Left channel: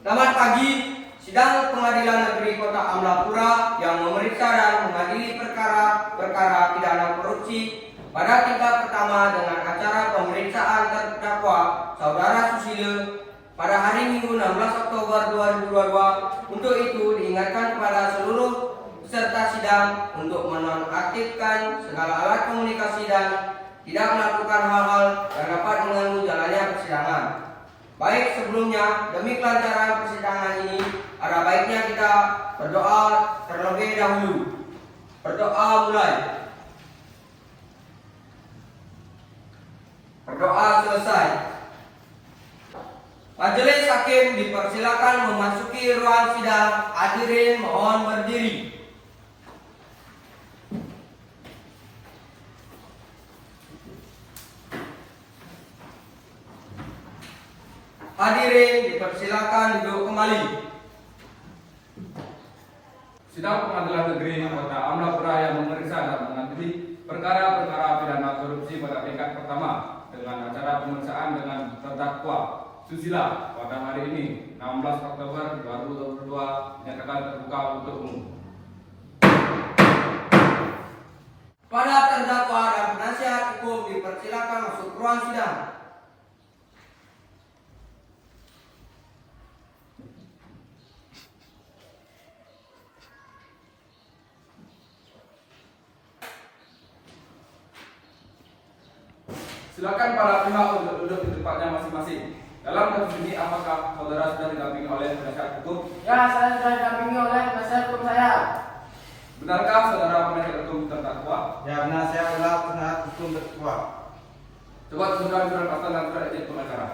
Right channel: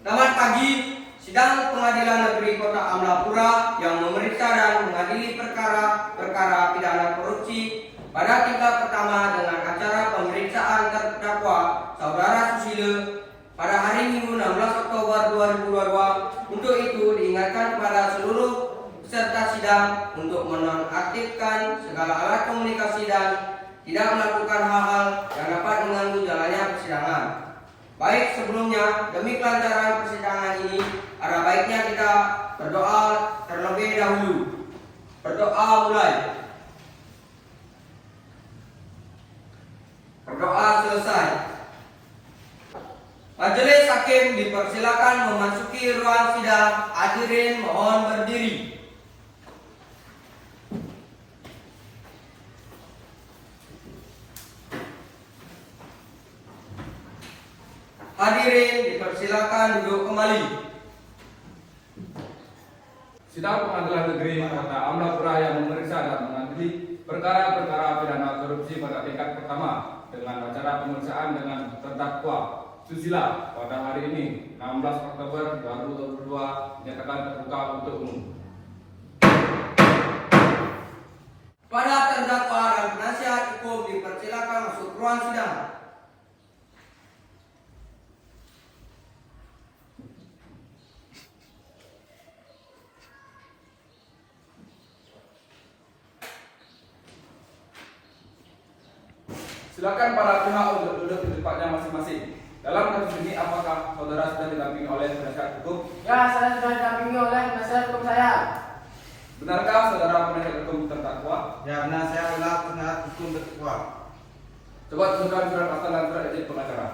Selamat pagi. Sidang Pengadilan Negeri Kota Amlapura yang memeriksa dan mengadili perkara pidana korupsi pada tingkat pertama dengan acara pemeriksaan terdakwa Saudara Susilo pada hari Minggu 16 Oktober 2022. Untuk itu diingatkan kepada seluruh peserta sidang untuk menonaktifkan segala alat komunikasi dan tidak melakukan hal-hal yang dapat mengganggu jalannya persidangan. Baik, sebelumnya, demi kelancaran persidangan ini, ada baiknya kita berdoa terlebih dahulu. Berdoa mulai. Berdoa selesai. Majelis hakim dipersilakan memasuki ruang sidang. Hadirin mohon berdiri. Hadirin dipersilakan duduk kembali. Sidang Pengadilan Negeri Kota Amlapura yang memeriksa dan mengadili perkara pidana korupsi pada tingkat pertama dengan acara pemeriksaan dengan terdakwa Susilo pada hari ini 16 Oktober 2022 dinyatakan terbuka untuk umum. Pada terdakwa dan penasihat hukum dipersilakan masuk ruang sidang. Silakan para pihak untuk duduk di tempatnya masing-masing. Dalam kasus ini, apakah saudara sudah didampingi oleh penasihat hukum? Ya, saya sudah didampingi oleh penasihat hukum saya. Benarkah saudara penasihat hukum terdakwa? Ya, benar, saya adalah penasihat hukum terdakwa. Coba tunjukkan surat pasal dan surat izin pengacara.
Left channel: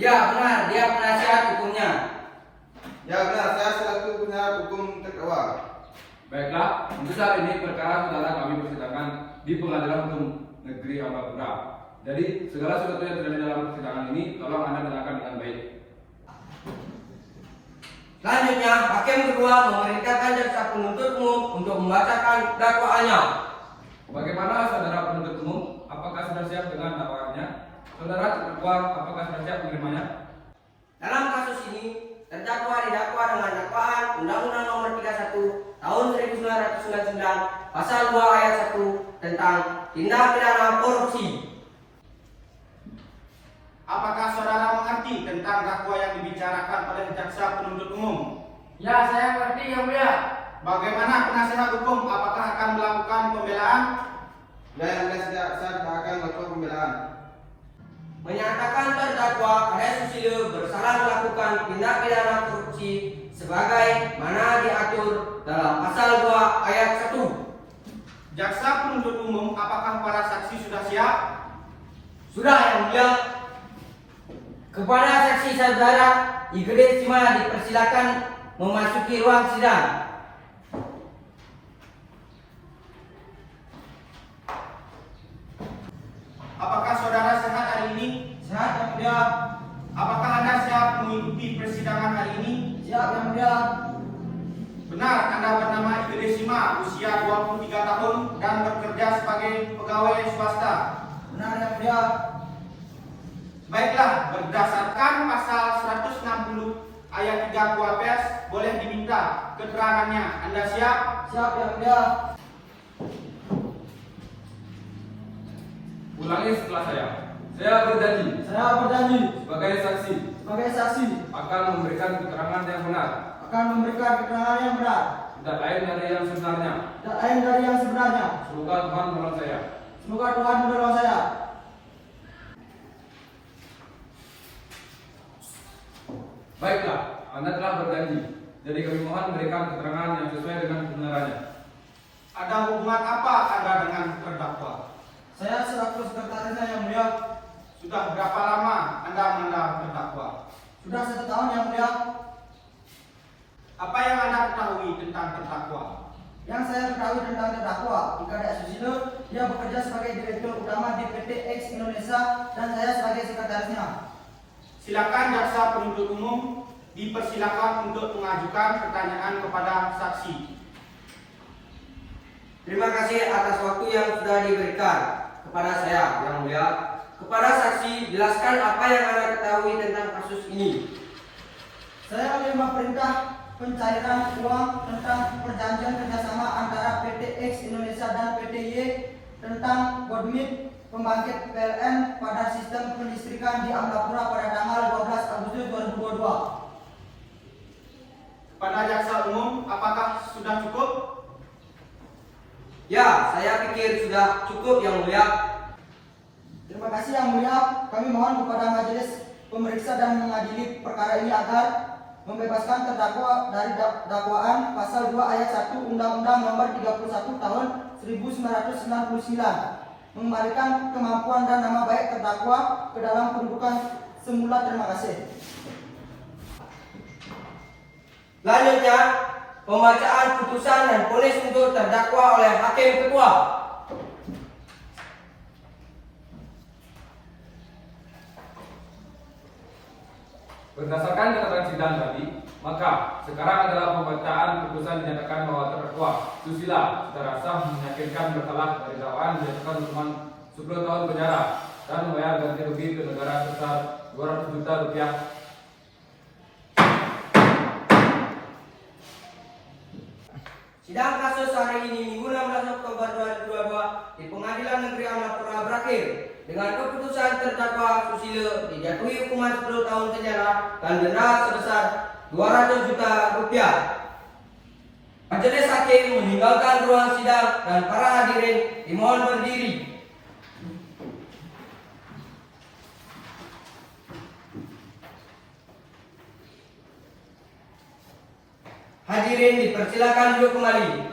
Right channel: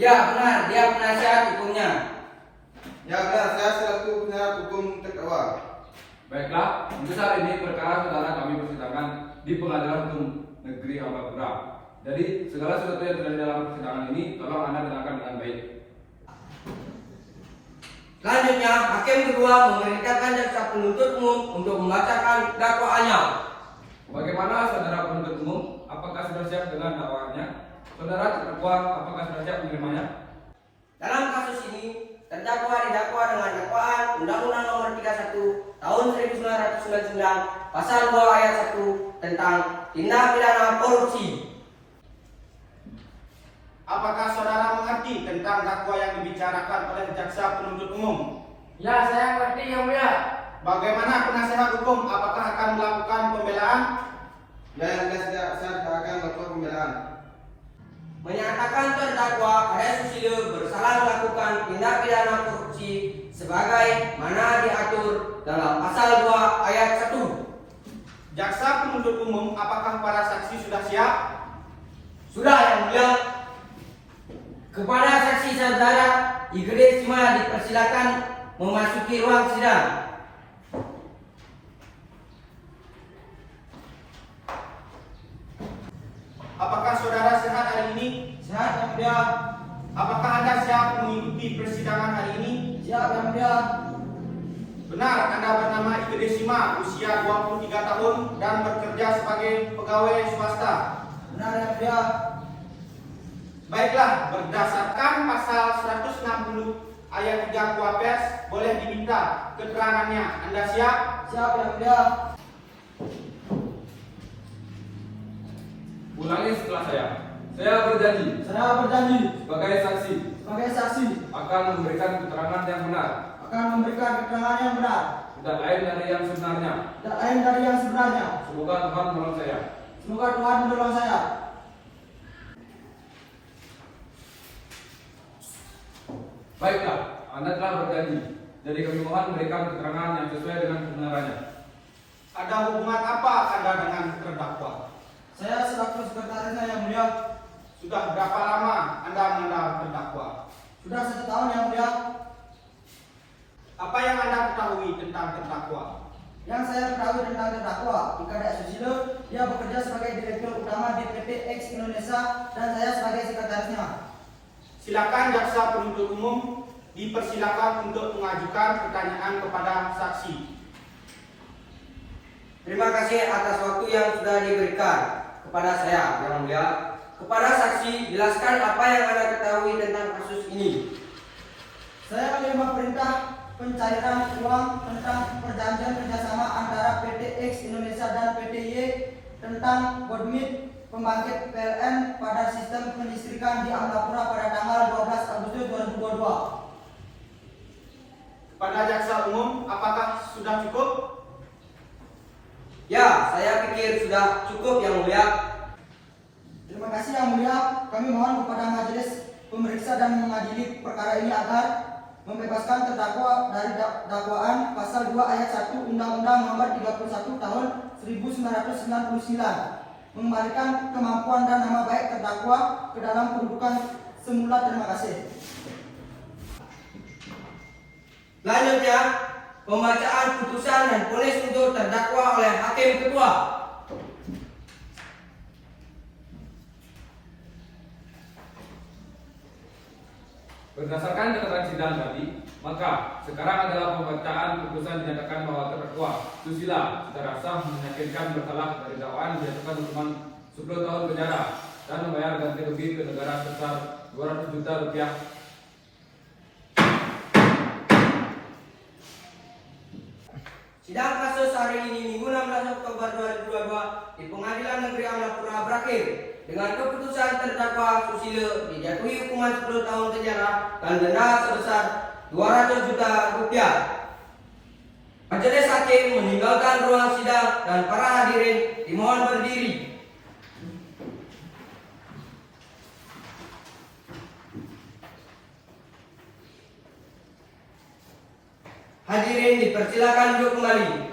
Ya, benar, dia penasihat hukumnya. Ya, benar, saya selaku penasihat hukum terdakwa. Baiklah, untuk saat ini perkara saudara kami persidangan di Pengadilan Hukum Negeri Amlapura. Jadi segala sesuatu yang terjadi dalam persidangan ini tolong Anda dengarkan dengan baik. Selanjutnya, hakim kedua memerintahkan jaksa penuntut umum untuk membacakan dakwaannya. Bagaimana saudara penuntut umum? Apakah sudah siap dengan dakwaannya? Saudara terdakwa, apakah sudah siap menerimanya? Dalam kasus ini, terdakwa didakwa dengan dakwaan Undang-Undang Nomor 31 Tahun 1999 Pasal 2 Ayat 1 tentang tindak pidana korupsi. Apakah saudara mengerti tentang dakwa yang dibicarakan oleh jaksa penuntut umum? Ya, saya mengerti yang mulia. Bagaimana penasihat hukum? Apakah akan melakukan pembelaan? Ya, yang benar, saya akan melakukan pembelaan. Menyatakan terdakwa Ade Susilo bersalah melakukan tindak pidana korupsi sebagai mana diatur dalam pasal 2 ayat 1. Jaksa penuntut umum, apakah para saksi sudah siap? Sudah yang mulia. Kepada saksi saudara Igede Sima dipersilakan memasuki ruang sidang. Apakah saudara sehat hari ini? Sehat, yang mulia. Apakah Anda siap mengikuti persidangan hari ini? Siap, yang mulia. Benar, Anda bernama Igede Sima, usia 23 tahun dan bekerja sebagai pegawai swasta. Benar, yang mulia. Baiklah, berdasarkan pasal 160 ayat 3 Kuapers, boleh diminta keterangannya. Anda siap? Siap, yang mulia. Ulangi setelah saya. Saya berjanji Saya berjanji sebagai saksi sebagai saksi akan memberikan keterangan yang benar, akan memberikan keterangan yang benar, tidak lain dari yang sebenarnya. tidak lain dari yang sebenarnya. Semoga Tuhan menolong saya. Semoga Tuhan menolong saya. Baiklah, Anda telah berjanji. Jadi kami mohon memberikan keterangan yang sesuai dengan kebenarannya. Ada hubungan apa Anda dengan terdakwa? Saya selaku sekretarisnya yang mulia. Sudah berapa lama Anda mengenal terdakwa? Sudah 1 tahun yang mulia. Apa yang Anda ketahui tentang terdakwa? Yang saya ketahui tentang terdakwa Igede Susilo, dia bekerja sebagai direktur utama di PT X Indonesia dan saya sebagai sekretarisnya. Silakan jaksa penuntut umum dipersilakan untuk mengajukan pertanyaan kepada saksi. Terima kasih atas waktu yang sudah diberikan kepada saya, Yang Mulia. Kepada saksi, jelaskan apa yang Anda ketahui tentang kasus ini. Saya menerima perintah pencairan uang tentang perjanjian kerjasama antara PT X Indonesia dan PT Y tentang Bodmit pembangkit PLN pada sistem kelistrikan di Amlapura pada tanggal 12 Agustus 2022. Kepada jaksa umum, apakah sudah cukup? Ya, saya pikir sudah cukup, Yang Mulia. Terima kasih Yang Mulia. Kami mohon kepada majelis pemeriksa dan mengadili perkara ini agar membebaskan terdakwa dari dakwaan pasal 2 ayat 1 Undang-Undang Nomor 31 Tahun 1999, mengembalikan kemampuan dan nama baik terdakwa ke dalam kedudukan semula. Terima kasih. Selanjutnya, pembacaan putusan dan vonis untuk terdakwa oleh Hakim Ketua. Berdasarkan catatan sidang tadi, maka sekarang adalah pembacaan putusan dinyatakan bahwa terdakwa Susila secara sah meyakinkan bersalah dari dakwaan dijatuhkan hukuman 10 tahun penjara dan membayar ganti rugi ke negara sebesar 200 juta rupiah. Sidang kasus hari ini Minggu 16 Oktober 2022 di Pengadilan Negeri Amlapura berakhir dengan keputusan terdakwa Susilo dijatuhi hukuman 10 tahun penjara dan denda sebesar 200 juta rupiah. Majelis hakim meninggalkan ruang sidang dan para hadirin dimohon berdiri. Hadirin dipersilakan duduk kembali.